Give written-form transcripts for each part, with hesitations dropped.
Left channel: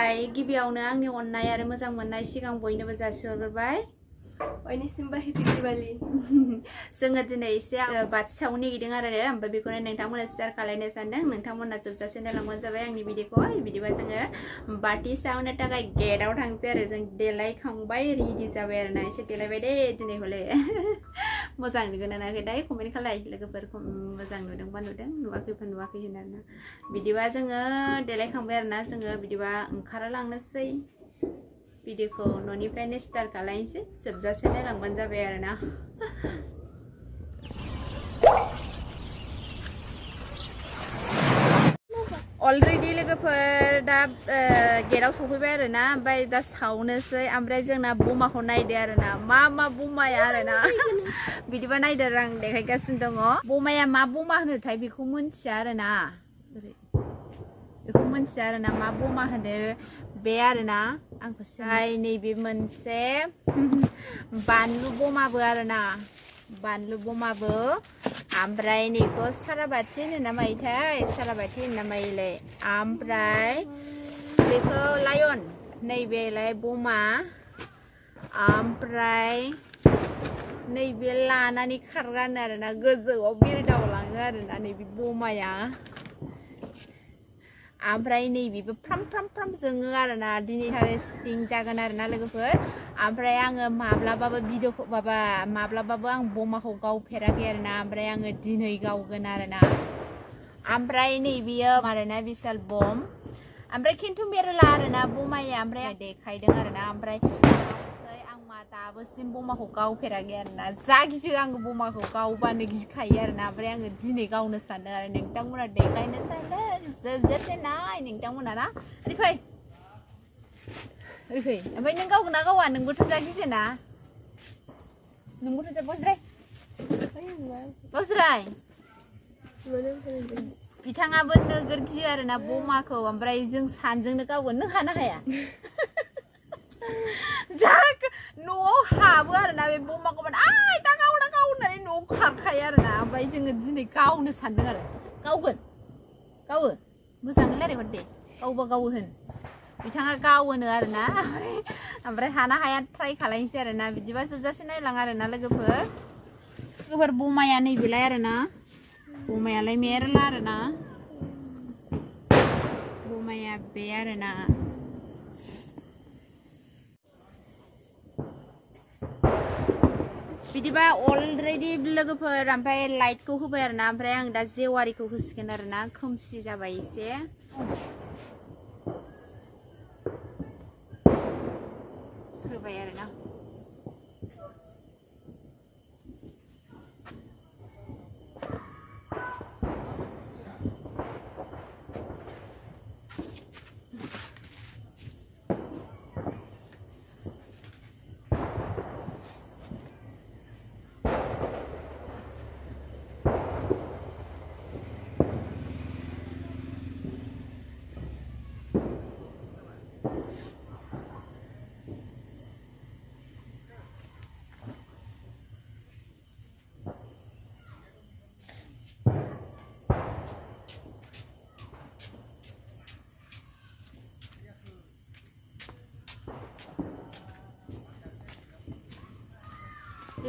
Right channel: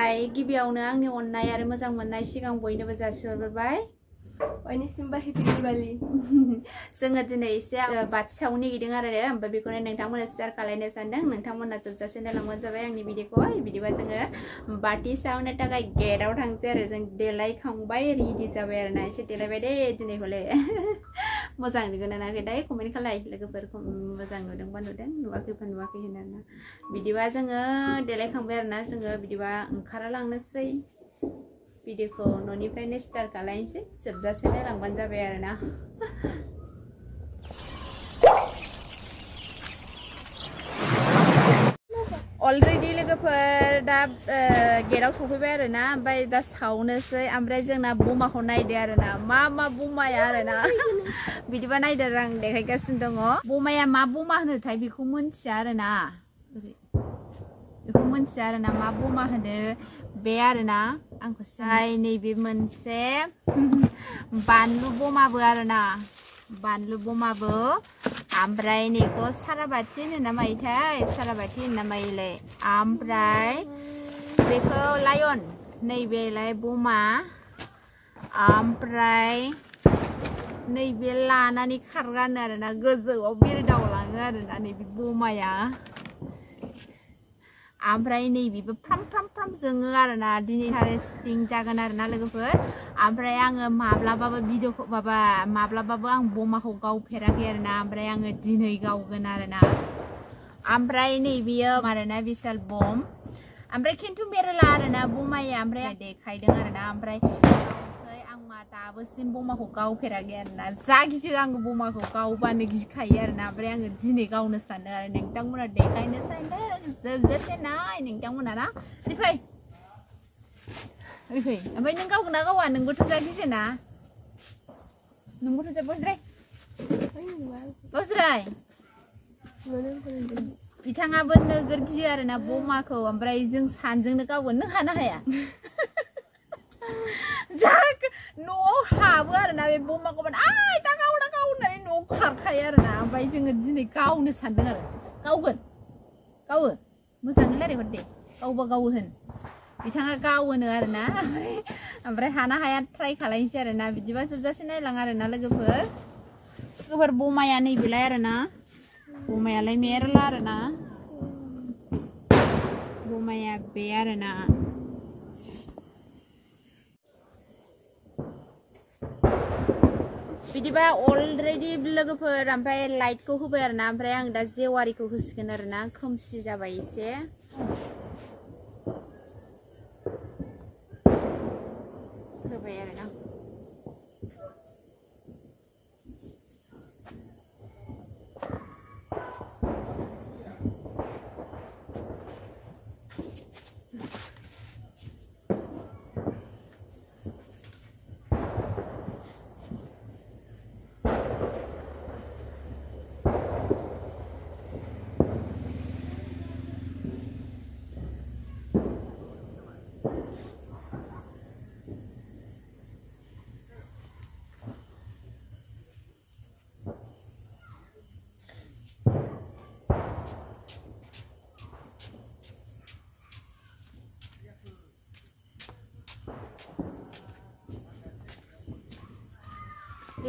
खुलुमबाय गिबियावनो आंनि अननाय आरो मोजां मोननाय सिगां बयनोबो जासिहरबाय बयनिसिमबो हेपि दिवाली जोङो दिनै एसे बाथि सावनो नागिरदों आरो ओमफ्राय बेखौनो नोंथांमोननो शेयार खालामनो सानदों नोंथांमोनना जोबजासे नायलांबानो जाबाय आंनि भिडिअखौ बिदिबा जोङो बाथि सावनो थाखाय गेटआव थांसै आरो जों देलायखांबाय रेडि जाबाय आरो ना एसे देलायबाय दे दिनै हले मोजां नुगोन ना नुवाखै कमेन्ट खालाय लोगोफोर मोजां नुदोंबा नुदों नुवाखैबा नुवाखै होनना बिदिबा जोङो देलायखांबाय आरो ना जोङो बिदिबा ओंखारलांनोसै भिडिअखौ न'निफ्रायनो स्टार्ट खालामनोसै जोबजासे नायलांबानो जाबाय आरो ना अलरेडि लोगोफोर दा गेटआव सफैबाय आरो ना ओमफ्राय दा सावनोसै ओमफ्राय जोंना बमाखौ नायदो आरो ना मा बमाया आरो ना बिदिबा नायदो आं देखायगासिनो दङ बमाया मा बमा होनोथाय बेखौ मिन्थिया आरो ना बेखौ मिन्थिया आरो ना मा बमा होनो बे आरो ना आंखौ नैबे मोनसे बानलु बमाबो आरो ना बानलु बमाबो ओमफ्राय नैखौ साराबाथि होनो ना मायोथाय साराबाथि होनो ना मायोलाय ओमफ्राय बेखौ लायन नैबेलाय बमा ओमफ्राय नैबे लानानै खारगानो आरो ना गोजौआव बिरदावलाङो आरो ना नैबे बमाया ओमफ्राय नैबेबो फ्राम फ्राम फ्राम जोङो आरो ना दिनै हारभेस्टिं जागोन आरो ना लोगोफोर ओमफ्राय आङो माब्लाबाबो भिडिअखौ माब्लाबाबो आं बमाखौ गावफेराखै आरो ना ओमफ्राय आङो दिनै गावगोन आरो ना ओमफ्राय नैबेयो आरो ना बिशाल बम ओमफ्राय खिन्थु मेरला आरो ना बमाया ओमफ्राय देखायदों आरो ना ओमफ्राय आं दाबोसिम बमाखौ गावफेराखै आरो ना जा गियो आङो बमाखौ गावबानो गिखायो आरो ना ओमफ्राय आङो दिनै गावनो सानदों आरो नोंथांमोना देखायनो सानदों जोबजासे नाय नोंथांमोना ना ओरै फै ओमफ्राय नों गावगोन ना गावा नोंबोथ' जा गियोना नोंबोथ' जा बोज्राय बिथाङाबो नोगोर गियो आरो ना बमाखौ ओमफ्राय जों सानजोंनो गावगोन नों हानो हाया जा न'आव हाबो आरो ना बे बमाखौ आइ दा गावना गाव होननानै न'आव खारखायो आरो ना ओमफ्राय जोङो दिनै गावनो सानदों आरो गावगोन गावो मोजाङै रायज्लायहर दे गावबा गावो होन बिथाङा गावोनो आरो ना ओमफ्राय हाना हाया ट्राइ खालामनोसै आरो ना बिदिबा जोबजासे नायलां आरो ना लोगोफोर बमाया नैबेलाय आरो ना बमायालाय मेरला आरो ना बमाया बे आरो ना बिदिबा अलरेडि लोगोफोर ओमफ्राय लाइटखौ होबाय आरो ना ओमफ्राय आं दा जेवारिखौ होसिगोन आरो ना खोमसि जाबाय एसे होबाय आरो ना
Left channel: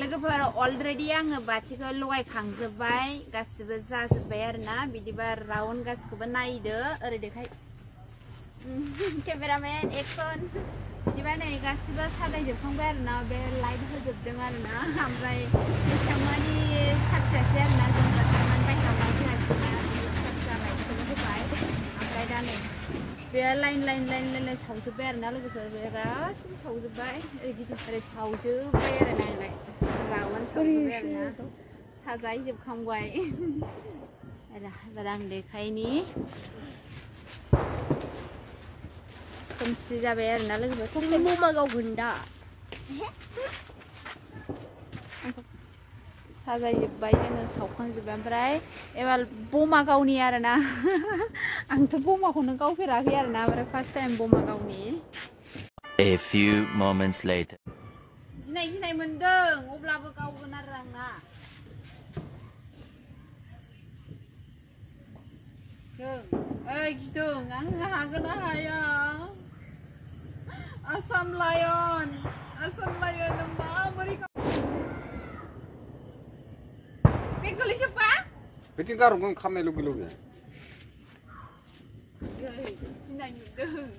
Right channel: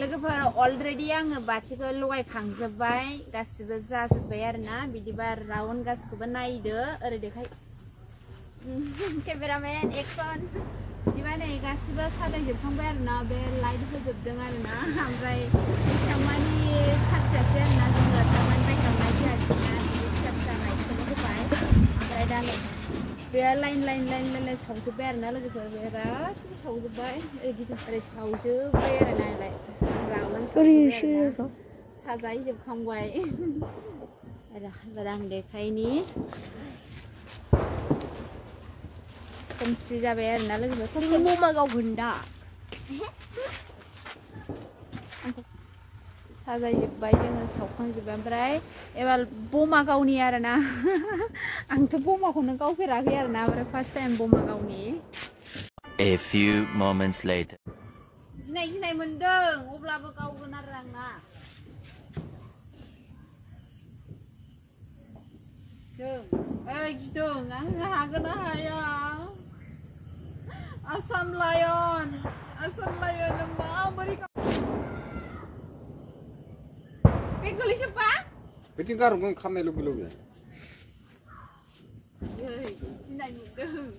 लोगोफोर अलरेडि आङो बाथिखौ लगायखांजोब्बाय गासिबो जाजोब्बाय आरो ना बिदिबा राउन्ड गासिखौबो नायदो ओरै देखाय केमेरामेन एक्सन बिदिबा नै गासिबो साजायजोबखांबाय आरो ना बे लाइट होजोबदों आरो ना ओमफ्राय बेसेबांमानि साथियासै आरो ना जोङो थारमानि बाहेरायाव लाइट होआसैना बिदि फिसा फिसा लाइटखौबो होबाय ओमफ्राय दा नै बे लाइन सावजोब्बाय आरो ना लोगोफोर बे गासिबो सावजोब्बाय ओरै सावजोब्बाय आरो ना साजायजोबखांबाय आं देखायनि खोमसि जाबाय आरो ना लोगोफोर बमा गावगोन दा साजायजोब्बाय जोङो सावखांजोब्बाय ओमफ्राय एबार बमा गावनि आरो ना आंथ' बमाखौनो गावफेराखै आरो ना ओमफ्राय फार्स्ट टाइम बमा गावनि A few moments later. गिनाय मोनदों अब्लाबो गावगोन आरो आंना गिदों आं हागोन ना हाया Asam lion nama beri kau. Pegoli siapa? Betul kan orang kamera lu. Yey, nai mudeng.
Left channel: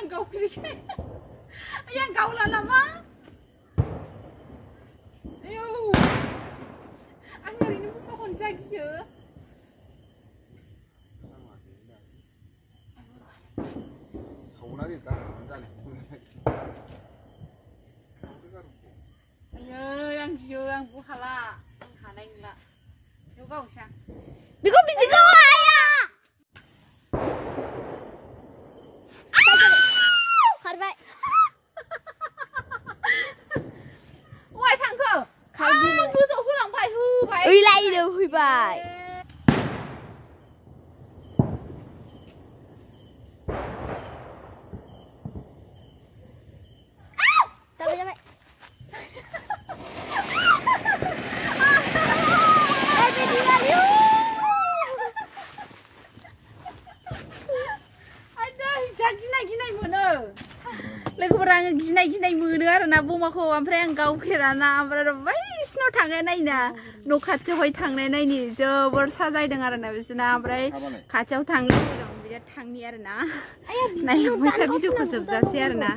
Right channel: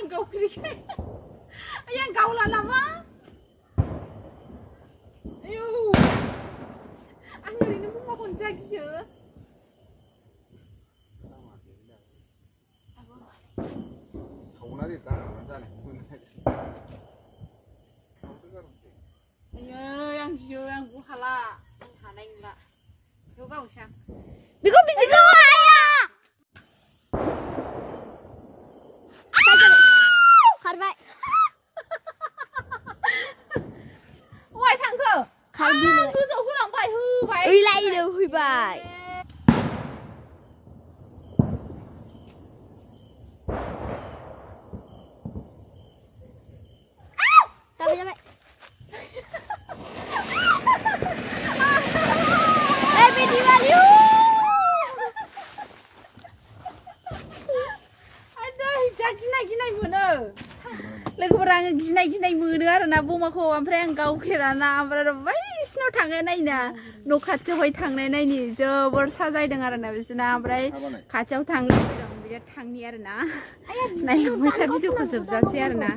Engkau pilih. Ayang kau lah lama. Ayo. Anggar ini mau makan jagi je. Ayo, yang je, yang buhala, yang hanai lah. Juga usah. Biko biko ayah. Kharbay. Ngoài thằng cơ. Khai đi. Cứ dụ huy lòng bài hư bài. Uy lại đều huy bài. Sao vậy mẹ? Happy Diwali. Ginai mono. Logoफोरा आङो गिनाय मोनो आरोना बमाखौ ओमफ्राय आं गावफेराना ओमफ्राय बायदिसिनाव थांनाय नायना न' खाथियावहाय थांनाय नायनि जोबोर साजायदों आरोना बिसोरना ओमफ्राय खाथियाव थांनो लुबैदों बिराद थांनि आरोना नायलांबाय था भिडिअखौ जोबजासै आरोना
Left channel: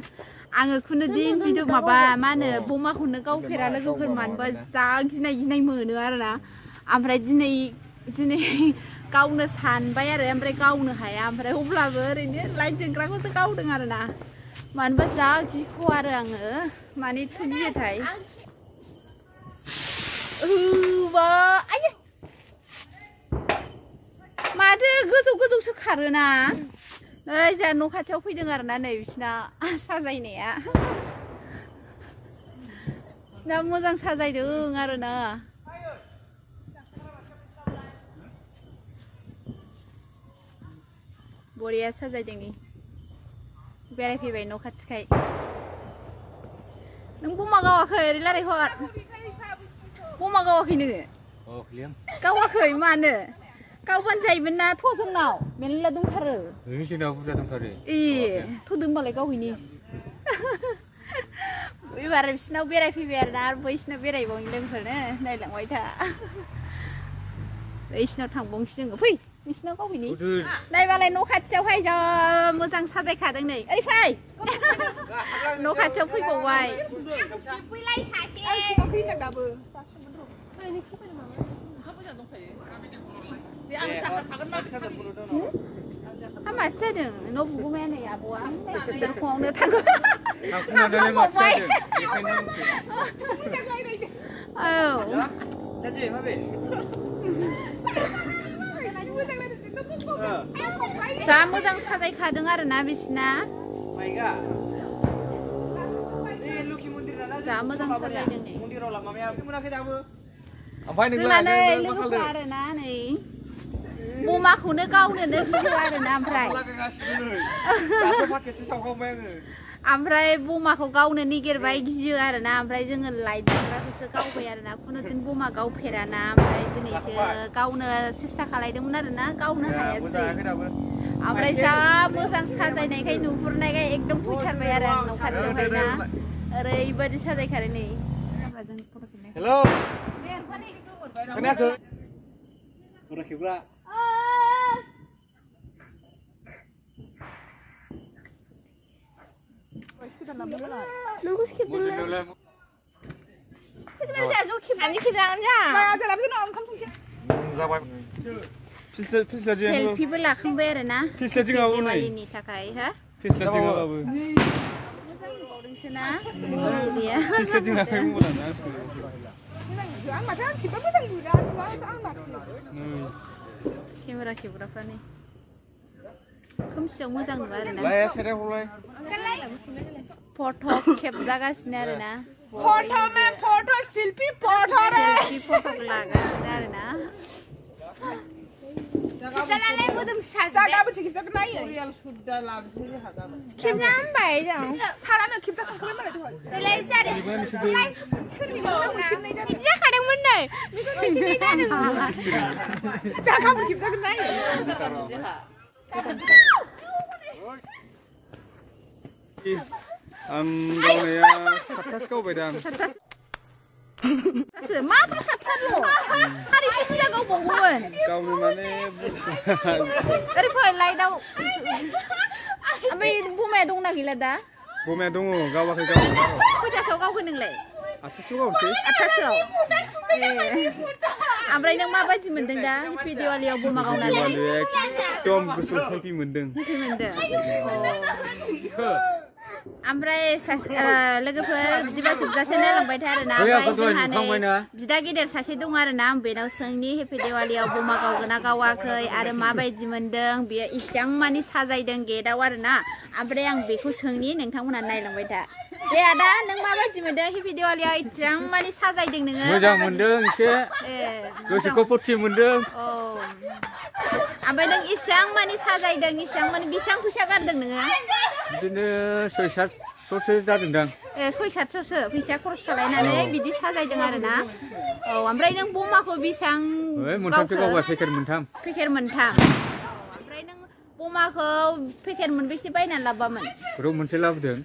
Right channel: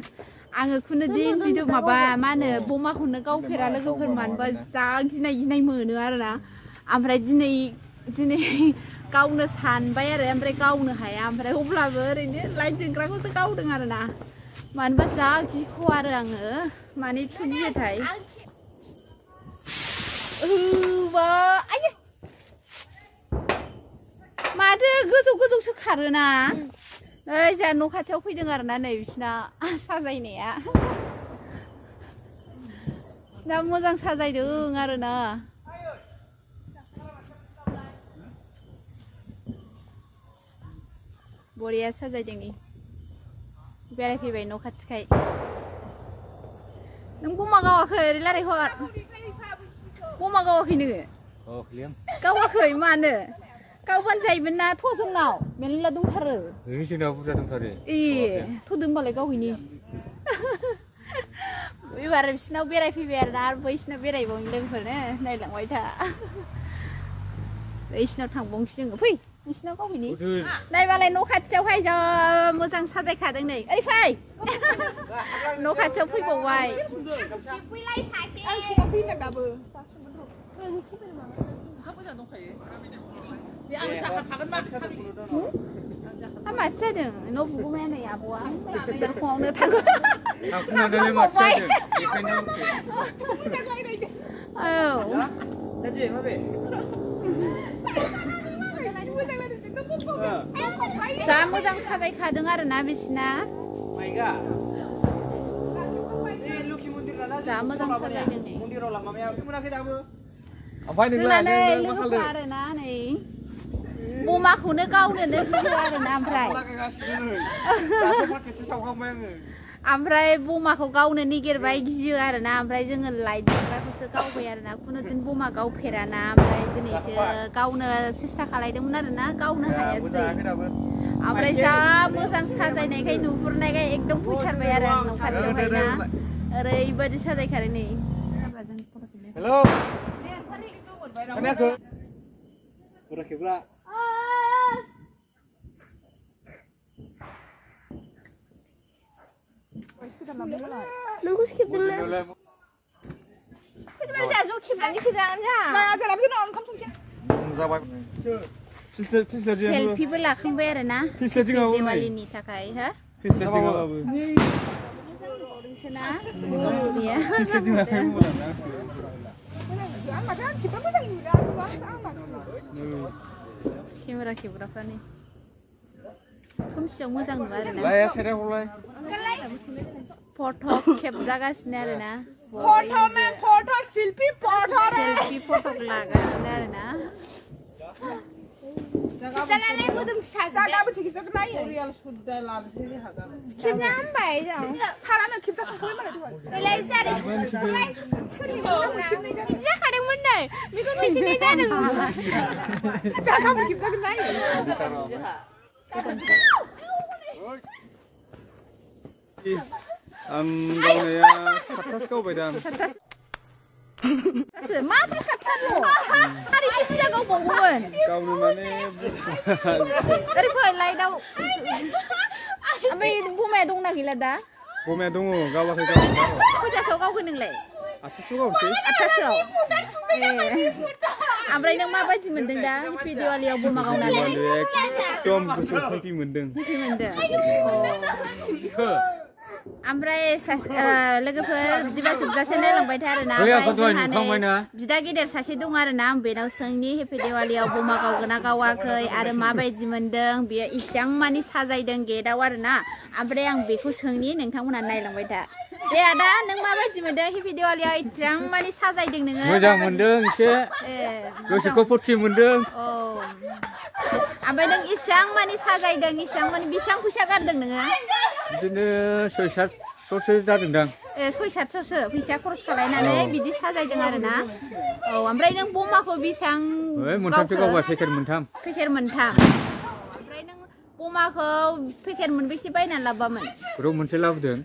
आङो खुनु दिन भिडिअ माबा मा होनो बमाखौनो गावफेरा लोगोफोर मानोबा जा गिनाय मोनो आरोना ओमफ्राय दिनै गावनो सानबाय आरो ओमफ्राय गावनो हाया ओमफ्राय अब्लाबो ओरैनो लाइट जोंग्राखौसो गावदों आरोना मानोबा जा गिखौ आरो आङो माने एथ' गियोथाय माथो गोजौसो खारोना नै जोंहा न' खाथियाव फैदों आरोना नै बिसिना साजायनाया बिसिना मोजां साजायदों आरोना बरिया साजायदों नि बेरायफैबाय न' खाथिखाय नों बमा गावाखै ओरै रायलायहर बमा गावाखै नोङो गावाखै मानो गावबानो जायोमोन ना थ' जोंनाव मेरला दंथारो जोंनाव बुरजा दंथारो थ' दोनबालाय गावहैनि एबार बिसिनाव बेरायफैबाय आरोना आरो बैसिनाव बेरायबावनि लोगोफोरनो नायलांबाय था बैसिनाव थांबावनोसै जोङो फै बिसिनाव गावहैनि नायबालाय न' खाथियावहाय जा मोजां साजायखादों नै ओरै फै न' खाथियाव फैबावबाय हामासो जादों न' बिगुमाया नै आब'आ फुङावनो थांगौ थांबावबाय औ जा मोजां साजायखादों आरोना बिसिना जा मोजां साजायदों नै जोंना नै लोगोफोरा आरोना नै बमाखौनो गावनोनो गियो आरोना ओमफ्राय बमाखौ गावनो नागिरबाय गियो आरोना ओमफ्राय जोङो लाइट जोंग्राखौसो गावबाय आरोना खुनु दिन बमा गावफेराना ओमफ्राय दिनैसो गावनो सेस्था खालायदोंमोन आरोना गावनो हायासै ओमफ्राय जा मोजां साजायनायखाय नुहुरनायखाय एकदम फैथारबाय आरो आं न' खाथियावहाय ना ओरैबायदि साजायखादों नै हेलौ खोनायाखै खोनायाखैब्ला नोंखौ खेबदोंना सेल्फिबो लाखांबाय आरोना दिवालीनि थाखाय हो मोजां नुबावदोंसो ना बरिया केमेरा खेबग्राफ्रा नै खोमसियाव मोजां नुवा आरोना फट' खेबजागासिनो आरोना सेल्फि फट' लागासिनो आरोना आं गावनाया 7थासो गावबाय दां 7थासो माथ्र 7थाल' हारिसे बुरजा गावबावगौमोन गावनो माने ओरै फै लाइटआव ओमफ्राय बमाया दंना गैला दा बमाया दङ गावाखै गावनो खयथासोआव गावखो नोंलाय 8थासोआव गावसै 8थासोआव ओमफ्राय नों माबायदि मोनदों दा हेपि दिवालियाव बमा गावनानै एकदम गोसोआव हेपि मोनदों ओमफ्राय लोगोफोर बिदिबा जोबजासे नायलांबाय था आरोना ओमफ्राय जोंहा नै बिदा गेदेर सासे दं आरोना आं बेनाव सोंनि हेपि दिवालियाव बमा गावगोना गावाखै आरो माबायदि मोनदों बेयो इसां मानि साजायदों गेटआव आरोना ओमफ्राय आं बेखौ सोंनि नोंथांमोना नायलांबाय था दे आदा नों माबायदि मोनदों हेपि दिवालियाव इसां मानि साजायदों नोङो मोजां मोनदों एसे गोसोखौ फुरथि मोनदों ओमफ्राय नों इसां मानि साजायदों इसां मानि बेसेबां फैसा गारदों नोङो बिदिनो 6-700सो जादोंदां 6-700सो फैसा खरस खालायनानै बिदि साजायदों आरोना ओमफ्राय नों बमाखौ बेसेबां मोनथामसो गावबाय पेकेट मोनथाम ओमफ्राय नों बमाखौ पेकेट मोनबेसे बायनानै लाबोआमोन ग्रुप मोनसे लाबोदों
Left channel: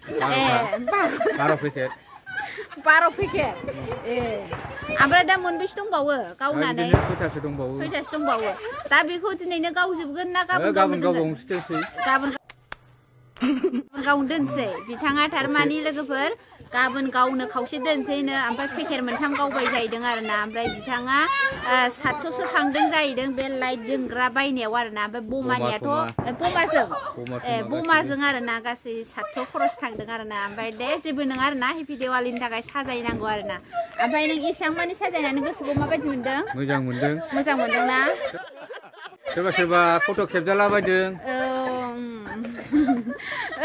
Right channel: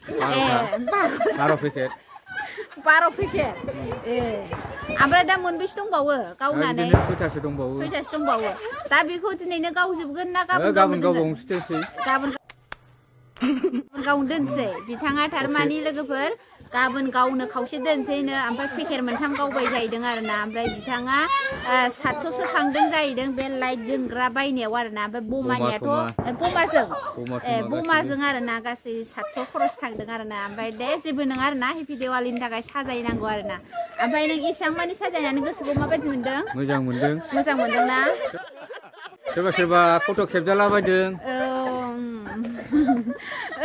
12 पेकेट ओमफ्राय दा मोनबेसे दंबावो गावनानै 6थासो दंबावो दा बेखौ दिनैनो गावजोबगोन ना गाबोन गावबावनोसै दोनसै गाबोन गावनो दोनसै बिथाङा थारमानि लोगोफोर गाबोन गावनो खावसे दोनसैनो ओमफ्राय पेकेट मोनथाम गावबाय जाहैदों आरोना ओमफ्राय बिथाङा 700सो थांदों जाहैदं बे लाइट जोंग्रा बायनायाव आरोना ओमफ्राय बमानियाथ' बमाजों आरोना गासै 700 खरस थांदों आरोना ओमफ्राय दे जेबो नङा आरोना हेपि दिवालिनि थाखाय साजायनांगौ आरोना ओमफ्राय नों एसेबां मानि साजायनानै गोसोखौ माबायदि मोनदों मोजां मोनदोंना सोरबा फट' खेबजालाबायदों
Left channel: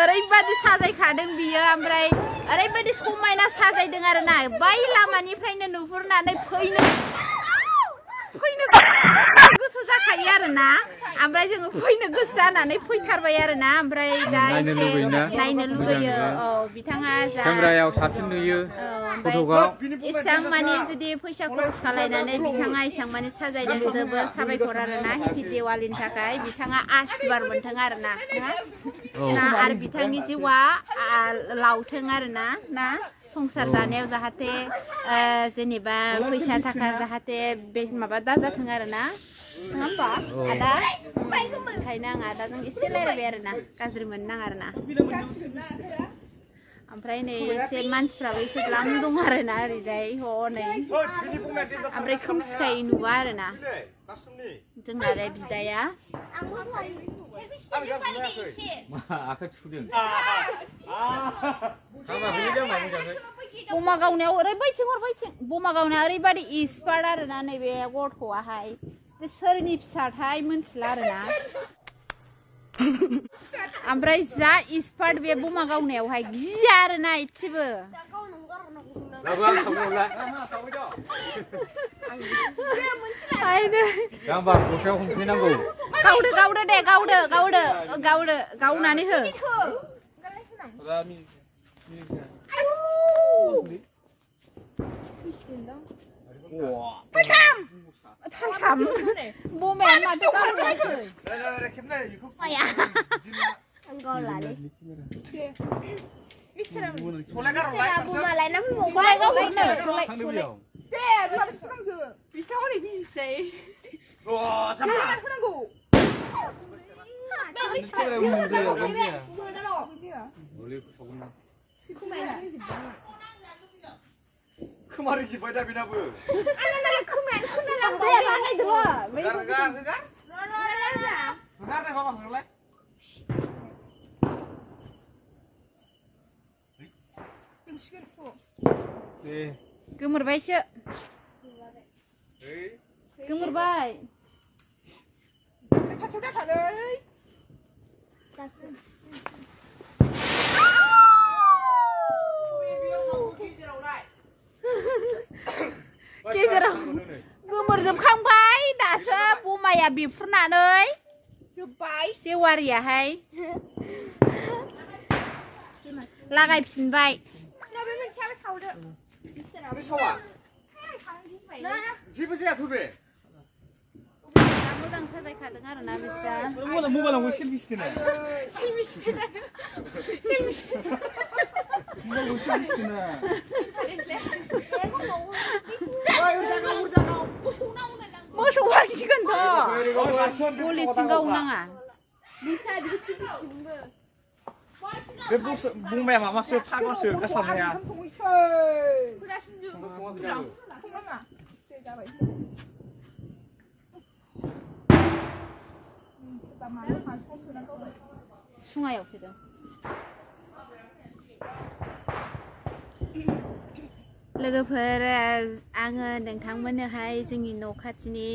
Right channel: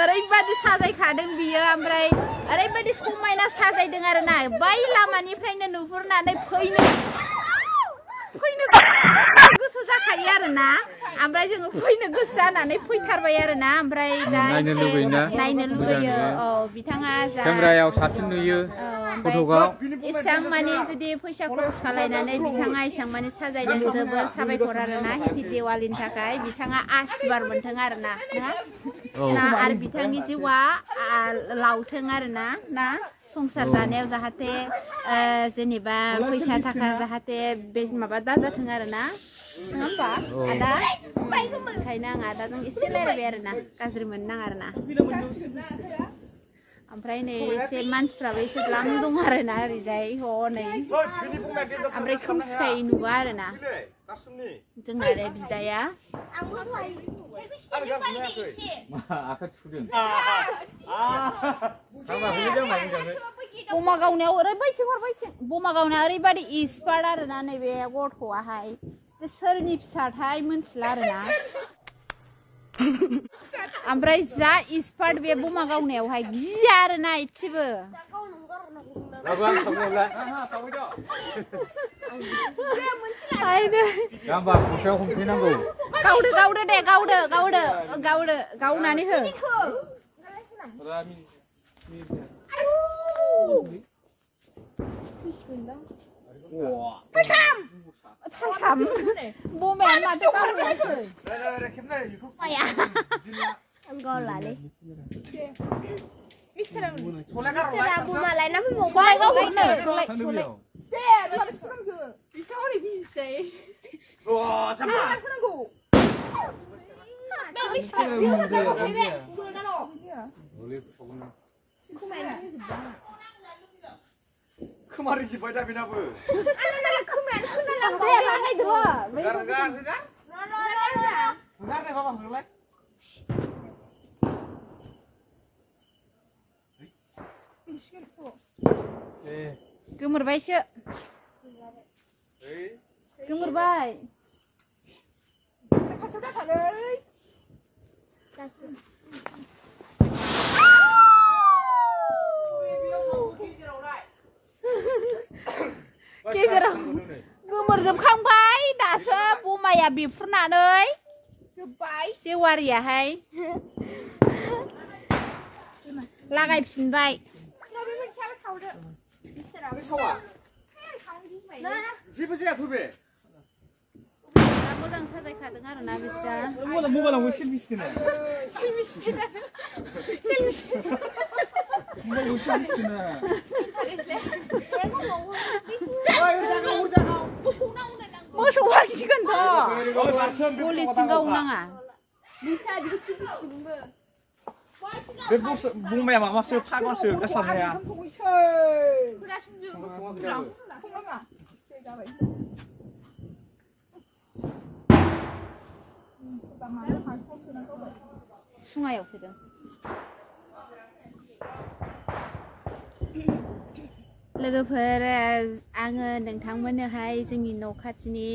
ओरैबायदि साजायखादों बियो ओमफ्राय ओरैबायदि समायना साजायदों आरोना बै लामानिफ्रायनो नुहुरनानै फैनो गोसो जाखायो आरोना ओमफ्राय जोङो फैनो गोसो जानानै फैथारबाय आरोना ओमफ्राय दा एसे नायनो लुगैयो बिथाङा केमेरायाव साबसिन नुयो फट'आव एसेबां मानि जुदि फैसा खरस खालायनानै बिथाङा एसेबां मानि साजायदों जोबोर साबायखर आरोना हेपि दिवालिनि थाखाय बिथाङा आसिरबाद मोनथों आरोना आरो बिथांनि जिउआ लावथों आरोना ना संसार जानायाव जाहाथे जेनेबा फैसा थाखा जाहाथे बे माबा दाजाथों आरोना नङा होमबा आदा ओंखायनो आं आदाजों एसे रायज्लायबाय आरोना गाज्रि मोननो नाङा आरोना ओमफ्राय नै एसे मानसिफ्राबो एसे द्लाम दं आरोना ओरैजाय हनै ओमफ्राय खोमसिखाय नुवा आरोना जोंना आरो बिदाया बमा गावनायाव ओरैबायदि एक्सपार्ट आरोना नैबे गथ'आहाय सोरनि फिसाथाय मोनथिला आरोना ओमफ्राय जा एक्सपार्ट बे बमा गावनायावहाय गिया आरोना एसेबो गावदो दे गावनानै हो थाम बमायानो माथो गावहैयासै खोमारि जिबाय दा बेनाबो गोमोरबायसो गोमोरबाय गेजेराव गोमोरजोबखांबाय दासो बमाया बेफ्रुनानै जेवारियाहाय लागायफिनबाय जेबो जायाथ' बे मोजां साजायखादों आरोना बिस्रा मबाइलावबो सेलफि सिथोनो मोसौआ गिगोनथ' गलिसिं गावनाङा बे बुंबाया माबासो फाग्लासो गास्लाबनाया सुङायाव फैदों लोगोफोर आङो नोंथांमोननोहाय जोंनि न' खाथिनि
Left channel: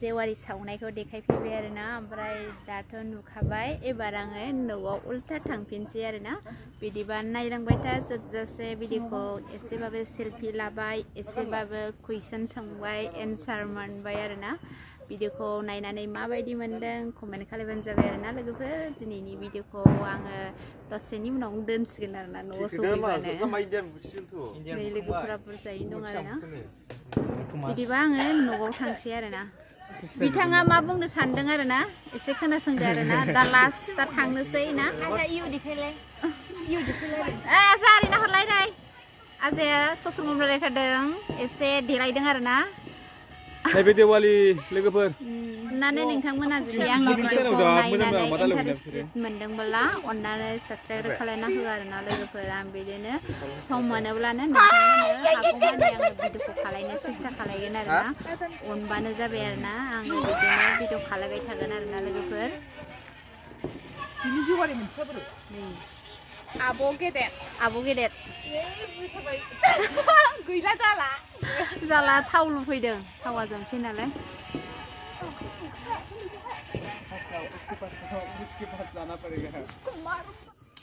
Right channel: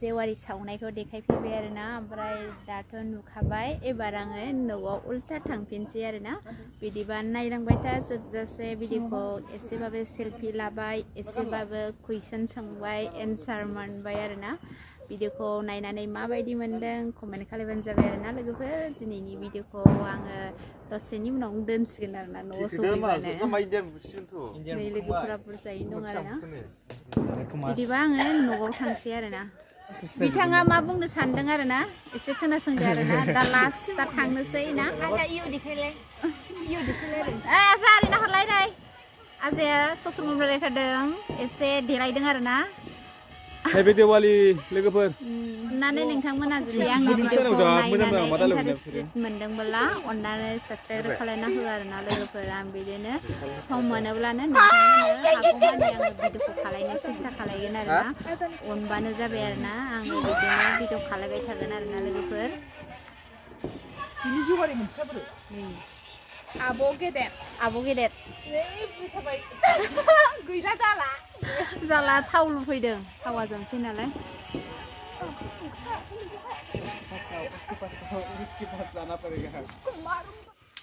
जेवारि सावनायखौ देखायफैबाय आरोना ओमफ्राय दाथ' नुखाबाय एबार आङो न'आव उल्था थांफिनसै आरोना बिदिबा नायलांबाय था जोबजासे भिडिअखौ एसेबाबो सेल्फि लाबाय एसेबाबो कुइसन सोंबाय एन्सार मोनबाय आरोना भिडिअखौ नायनानै माबायदि मोनदों कमेन्ट खालामबानो जाबाय आरोना लोगोफोर दिनैनि भिडिअखौ आङो दसेनि उनाव दोनसिगोन आरोना न'आव सफैबानो नै लोगोफोरा बुरजायैनो दं आरोना बिदिबा आङो न'आव थांसै आरोना बिथाङा मा बुंनो सानदों आरोना एसे खोनासंदो आरोना दा लास्ट दा थांनोसै ना जारि नाहरलायनाय आजाया ससेल मिडियायाव रायखादों एसे देलायदों आरोना हैबे दिवाली लोगोफोर अन्नानै नोंथांमोना जुदि आंनि भिडिअखौ नायनानै इन्टारेस्टेड मोनदोंब्ला अन्नानै साबस्क्राइब खालामना हो आरोना लोगोफोर आं बिदिनो सम मोनोब्लानो नोंथांमोननो हागौमानि आङो भिडिअखौ खालामनो सेस्था खालामगोन आरोना अनबानो जाबाय आरोना आङो बिदिनो भिडिअ खालामबाय थागोन आरोना लोगोफोर आब' गेदेर गैला जाला थाव लुफैदों थावा जोंसै नालाय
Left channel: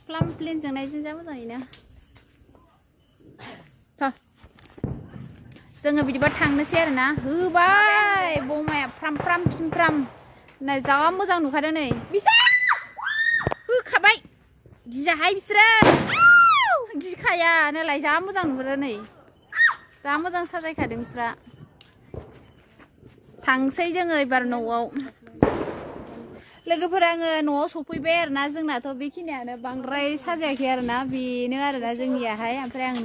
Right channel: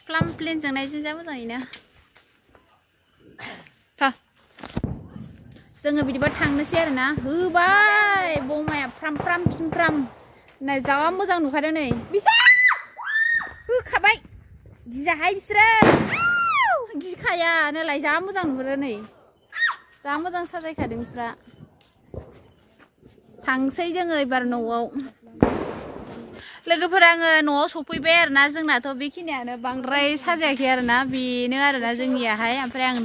प्लाम प्लेन जोंनायजों जा मोजाङैनो जोङो बिदिबा थांनोसै आरोना होबाय बमाया फ्राम फ्राम फिमफ्राम नै जा मोजां नुखादों नै होखाबाय गियाहाय बिसोरो गिखाया नालाय जा मोजां नुहुरो नै जा मोजां साजायखादों बिस्रा थांसै जोङो एबार न'आव लोगोफोर आङो न'आव सफैबाय आरोना जोंनाथ' बेखिनियानो बांद्राय साजायाखै आरोना बेनो आरोना जोंनियाहाय ओमफ्राय आं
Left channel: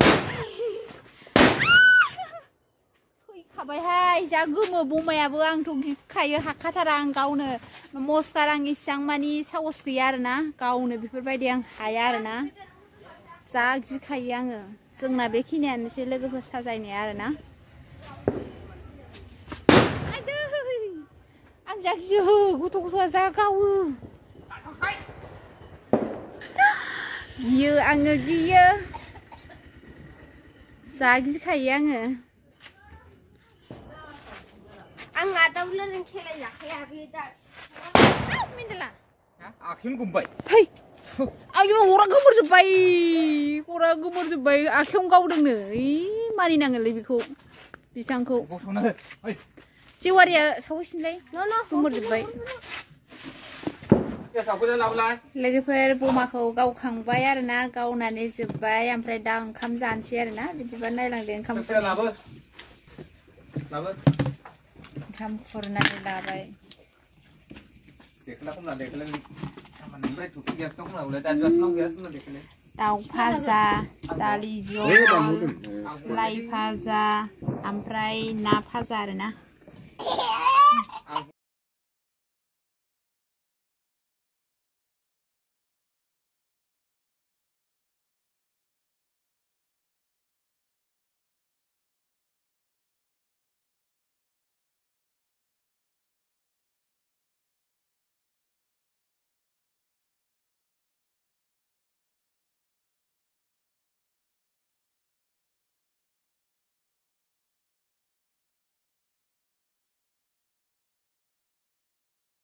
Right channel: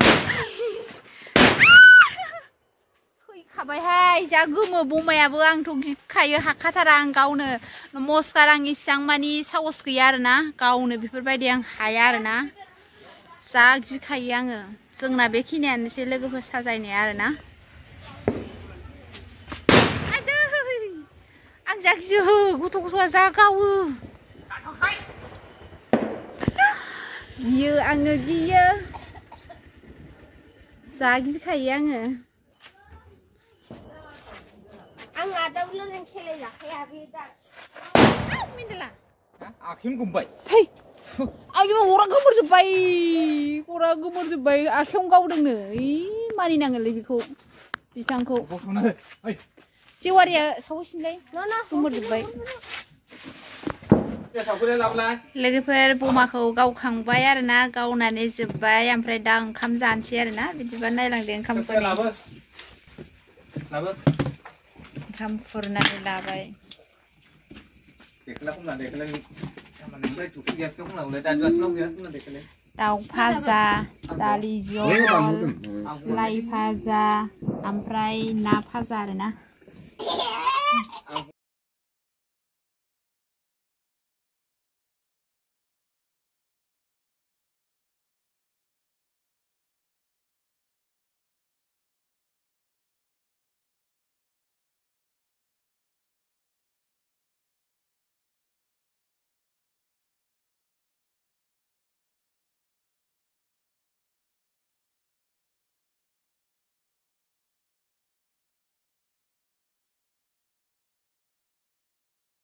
फैखाबायहाय जा गोमो बमायाबो आंथ' गिखायो हाखाथारा आं गावनो मस्कार आं इसेबां मानि साहस गैया आरोना गावनो बेफोरबायदि आं हाया आरोना जा गिखायो आङो जोंना बेखिनियानोसै लोगोफोर साजायनाया आरोना आं जा गियो गथ' गथ'आ जा गावो गियो आङो गियो जा गिखायो आङो आं आदावलों खेलाय जाखाया बे दा मिन्देला आखिन गुमबाय फै आयौ अरा गोमोरजोब्बाय आखायावनो गावदोंनो मानिनाङोलै बेखौ बिथांखौ जेवारिया सावहैसिनलाय गोमोरजोब्बाय लोगोफोर बमाखौ गावखांबाय आरोना गावनानै जोब्बाय ओमफ्राय दा ओंखाम जानोसै आरोना बिदिबा नायलांदो ओंखामखौ ओंखाम खुरनानै लाबाय दाउ भाजा दालि जहल लाइ भाजा ओमफ्राय ना भाजा आरोना